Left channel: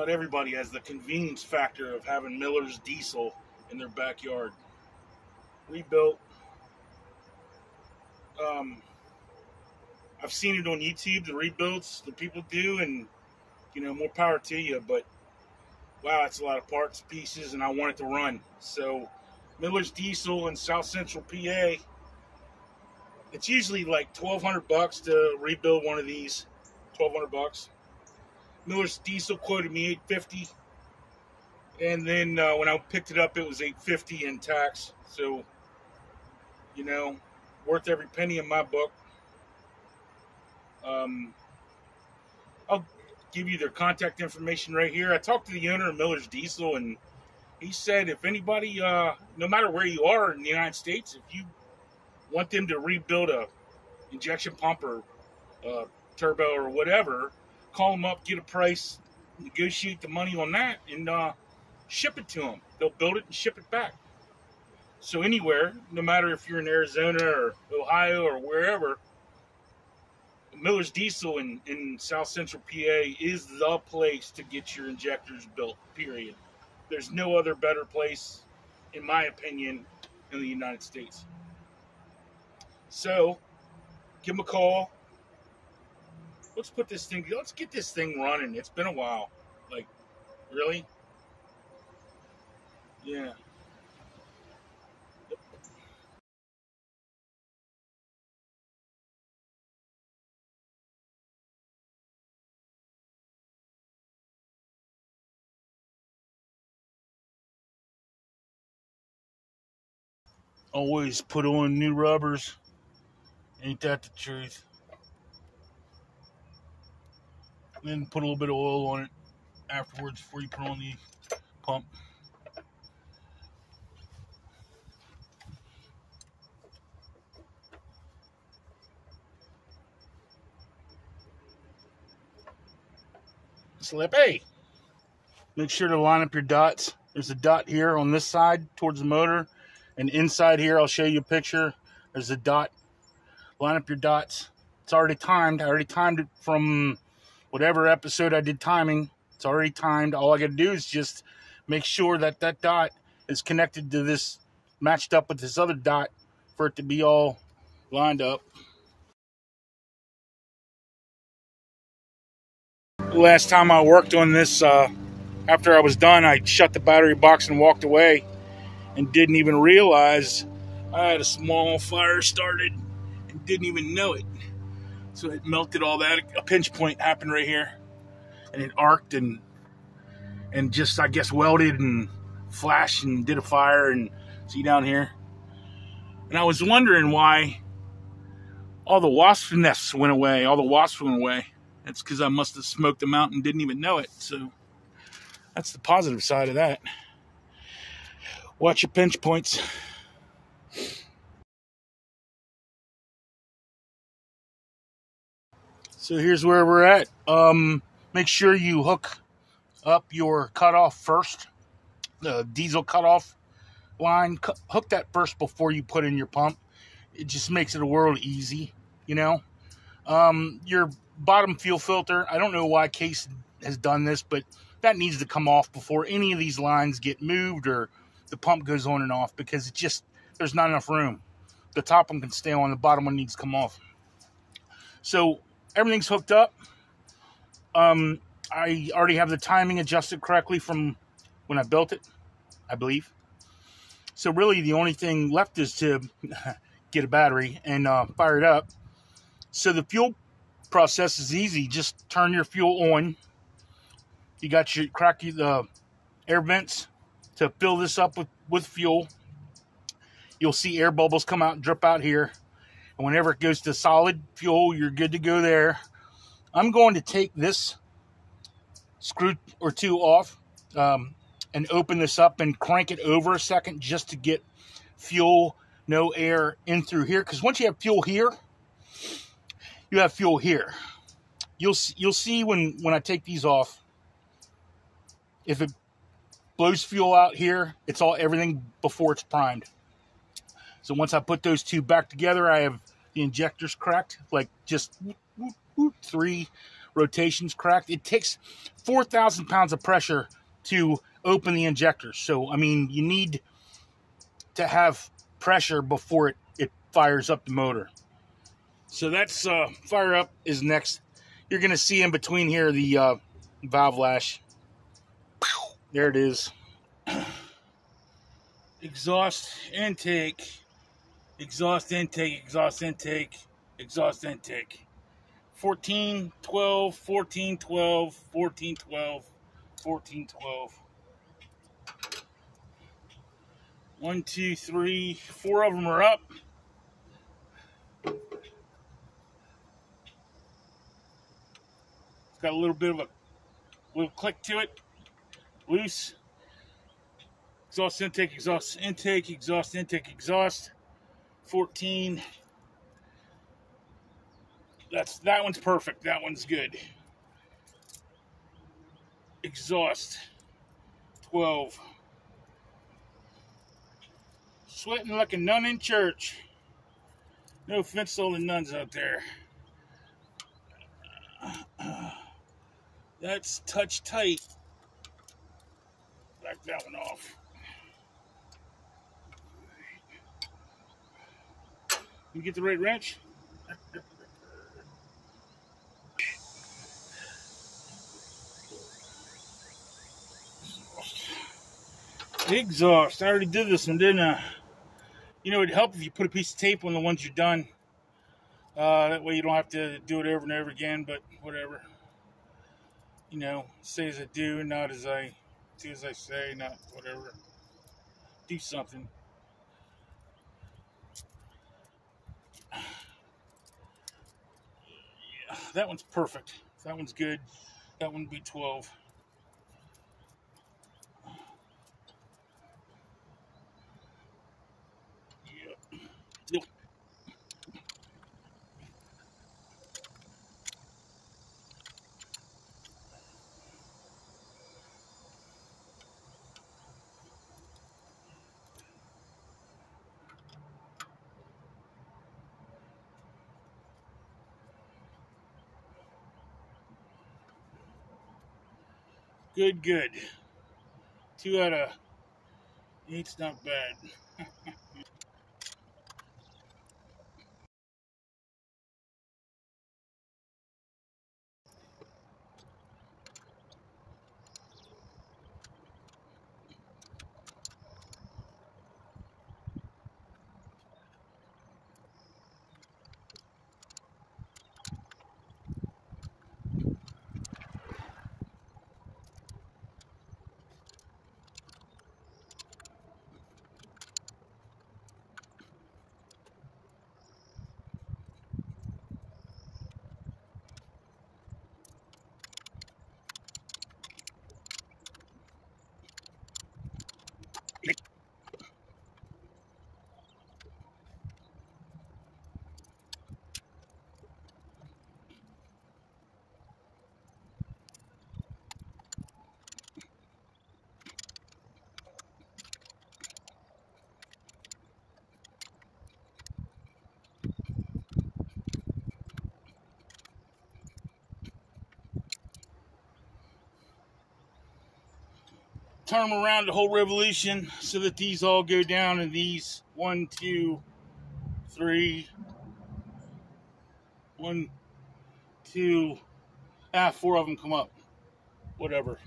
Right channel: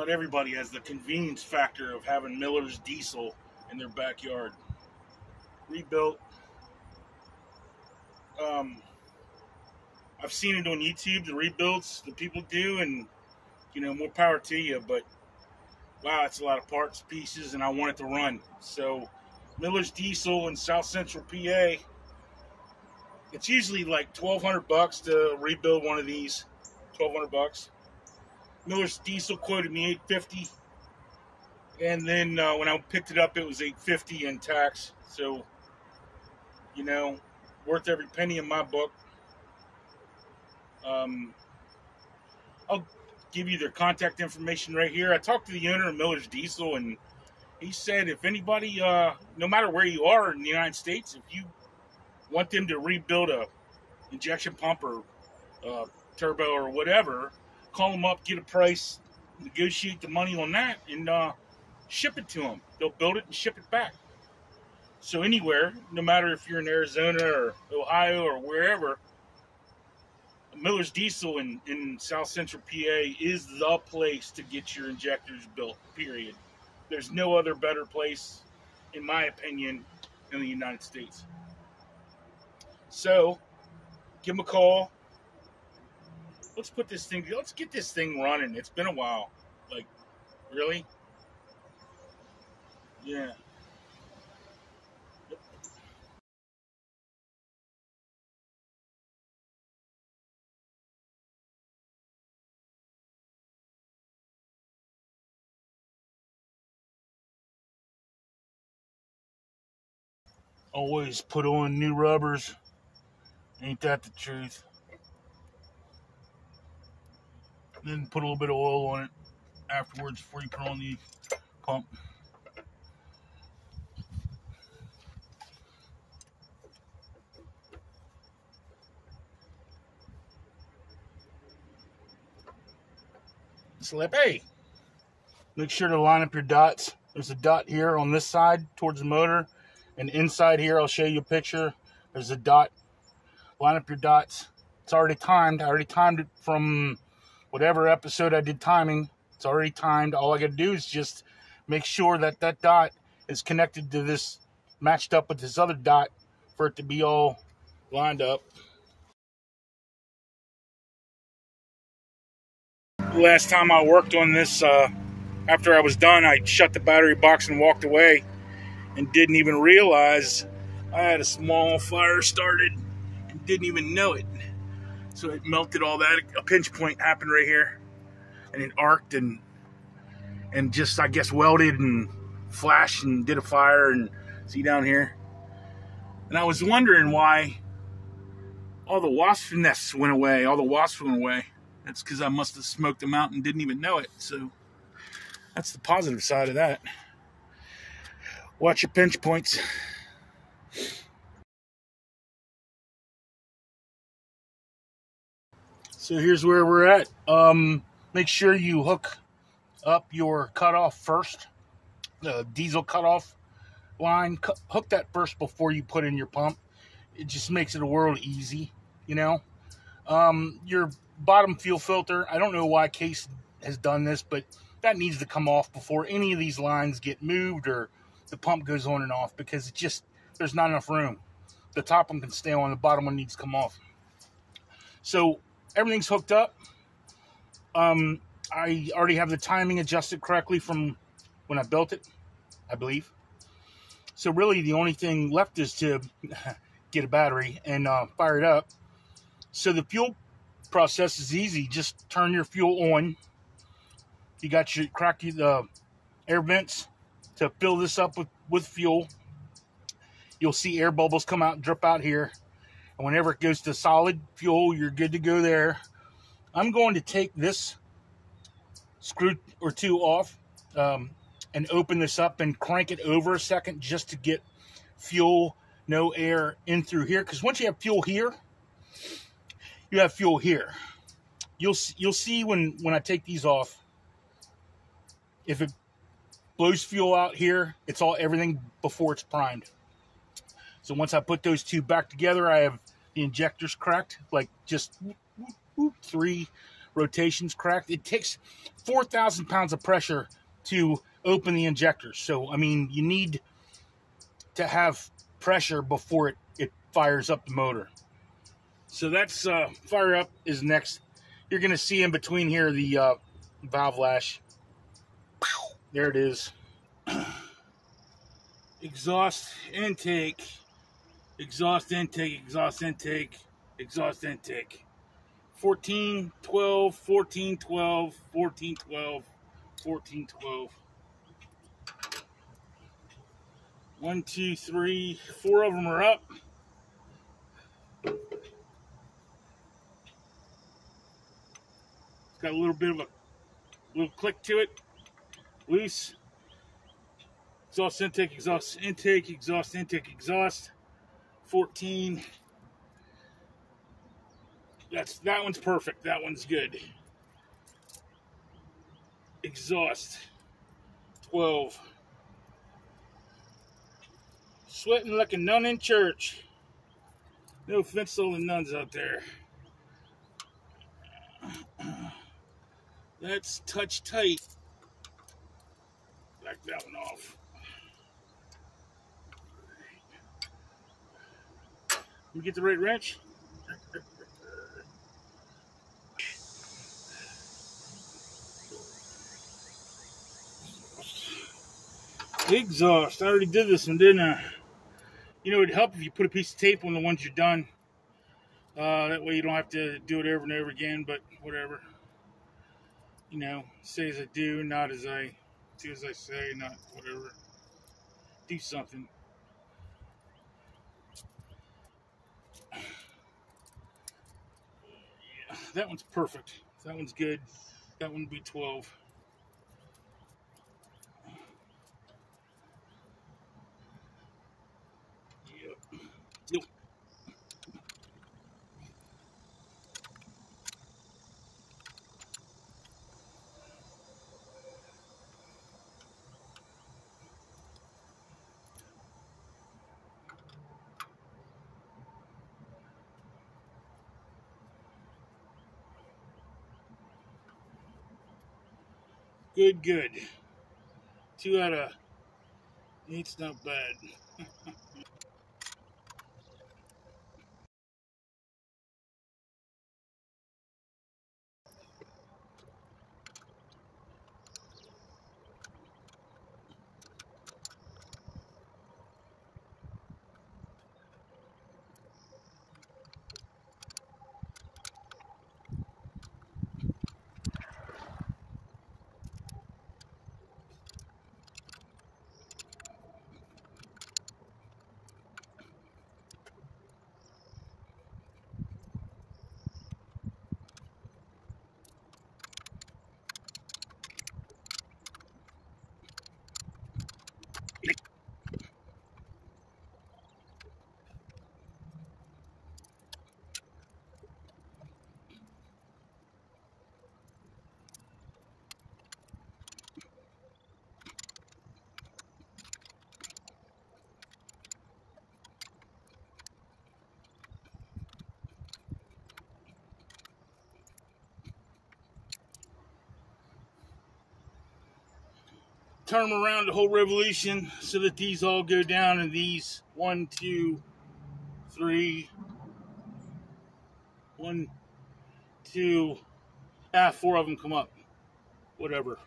Not everybody has the convenience factor of having Miller's diesel in their backyard. Rebuilt. I've seen it on YouTube, the rebuilds that people do, and more power to you, but wow, it's a lot of parts, pieces, and I want it to run. So Miller's Diesel in South Central PA, it's usually like $1,200 to rebuild one of these. $1,200. Miller's Diesel quoted me $850, and then when I picked it up, it was $850 in tax. So worth every penny in my book. I'll give you their contact information right here. I talked to the owner of Miller's Diesel, and he said if anybody, no matter where you are in the United States, if you want them to rebuild a injection pump or turbo or whatever, call them up, get a price, negotiate the money on that, and ship it to them. They'll build it and ship it back. So anywhere, no matter if you're in Arizona or Ohio or wherever, Miller's Diesel in South Central PA is the place to get your injectors built, period. There's no other better place, in my opinion, in the United States. So, give them a call. Let's get this thing running. It's been a while. Like, really? Yeah. Always put on new rubbers. Ain't that the truth? Then put a little bit of oil on it afterwards before you put on the pump. Slippy. Make sure to line up your dots. There's a dot here on this side towards the motor. And inside here, I'll show you a picture. There's a dot. Line up your dots. It's already timed. I already timed it from whatever episode I did timing. It's already timed. All I got to do is just make sure that that dot is connected to this, matched up with this other dot for it to be all lined up. Last time I worked on this, after I was done, I shut the battery box and walked away and didn't even realize I had a small fire started and didn't even know it. So it melted all that. A pinch point happened right here, and it arced and just, I guess, welded and flashed and did a fire. And see down here, and I was wondering why all the wasp nests went away. All the wasps went away. That's because I must have smoked them out and didn't even know it. So that's the positive side of that. Watch your pinch points. So here's where we're at. Make sure you hook up your cutoff first. The diesel cutoff line. Hook that first before you put in your pump. It just makes it a world easy, Your bottom fuel filter, I don't know why Case has done this, but that needs to come off before any of these lines get moved or the pump goes on and off, because it's just, there's not enough room. The top one can stay on, the bottom one needs to come off. So everything's hooked up. I already have the timing adjusted correctly from when I built it, I believe. So really the only thing left is to get a battery and fire it up. So the fuel process is easy. Just turn your fuel on. You got your the air vents to fill this up with fuel. You'll see air bubbles come out and drip out here. And whenever it goes to solid fuel, you're good to go there. I'm going to take this screw or two off and open this up and crank it over a second just to get fuel, no air in through here. Because once you have fuel here, you have fuel here. You'll see when I take these off, if it blows fuel out here, it's everything before it's primed. So once I put those two back together, I have the injectors cracked, like just 3 rotations cracked. It takes 4,000 pounds of pressure to open the injector. So, I mean, you need to have pressure before it fires up the motor. So that's fire up is next. You're going to see in between here the valve lash. There it is. Exhaust intake, exhaust intake, exhaust intake, exhaust intake. 14, 12, 14, 12, 14, 12, 14, 12. 1, 2, 3, 4 of them are up. It's got a little bit of a little click to it. Loose. Exhaust intake, exhaust intake, exhaust intake, exhaust. 14. That one's perfect. That one's good. Exhaust. 12. Sweating like a nun in church. No offense to all the nuns out there. That's touch tight. Back that one off. You get the right wrench? Exhaust. I already did this one, didn't I? You know, it'd help if you put a piece of tape on the ones you're done. That way you don't have to do it over and over again, but whatever. You know, say as I do, not as I do as I say, not whatever. Do something. Yeah, that one's perfect. That one's good. That one would be 12. Yep. Good, good. 2 out of 8's not bad. Turn them around the whole revolution so that these all go down and these 1, 2, 3, 1, 2, 4 of them come up. Whatever.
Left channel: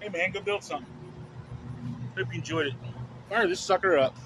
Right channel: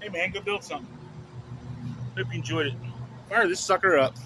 Hey man, go build something. Hope you enjoyed it. Fire this sucker up.